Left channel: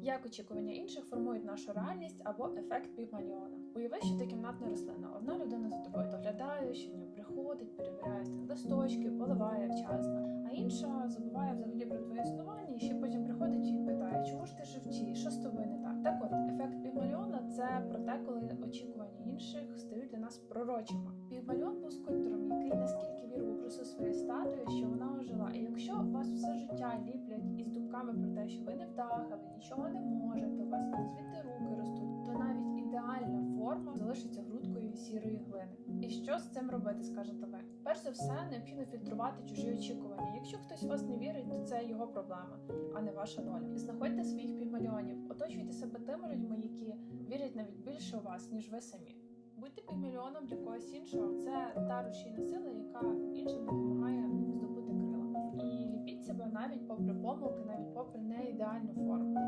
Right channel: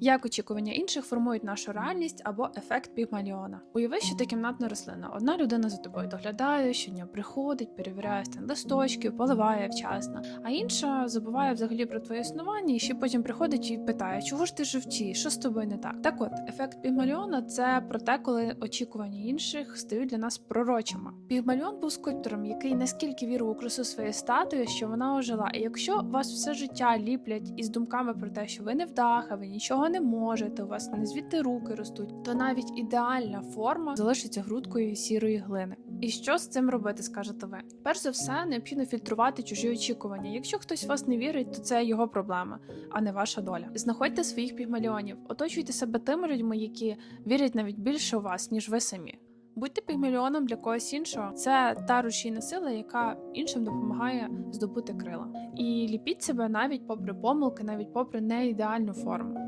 Як очікування інших формують нашу реальність або ефект пігмаліона. Уяви, що ти кімнатна рослина. Одна людина за тобою доглядає, щодня приходить, перевіряє стан листочків, поливає вчасно, а інша забуває взагалі про твоє існування і ще потім приходить і питає, чого ж ти жовті, що з тобою не так. Так от, ефект пігмаліона це про те, коли очікування інших стають для нас пророчими. Пігмаліон був скульптором, який наскільки вірив у красу своєї статуї, що вона ожила. І якщо вас все життя ліплять із думками про те, що ви не вдаха, ви нічого не можете, у вас не звідти руки ростуть, то навіть ідеальна форма залишиться грудкою сірої глини. І що з цим робити, скажете ви? Перш за все, необхідно фільтрувати чужі очікування. Якщо хтось в вас не вірить, то це його проблема, а не ваша доля. Знаходьте своїх пігмаліонів, оточуйте себе тими людьми, які вірять навіть більше у вас, ніж ви самі. Будьте пігмаліоном для когось іншого. Це та рушійна сила, яка іншим допомагає здобути крила. І ліпіть себе навіть попри помилки, навіть попри неідеальну форму.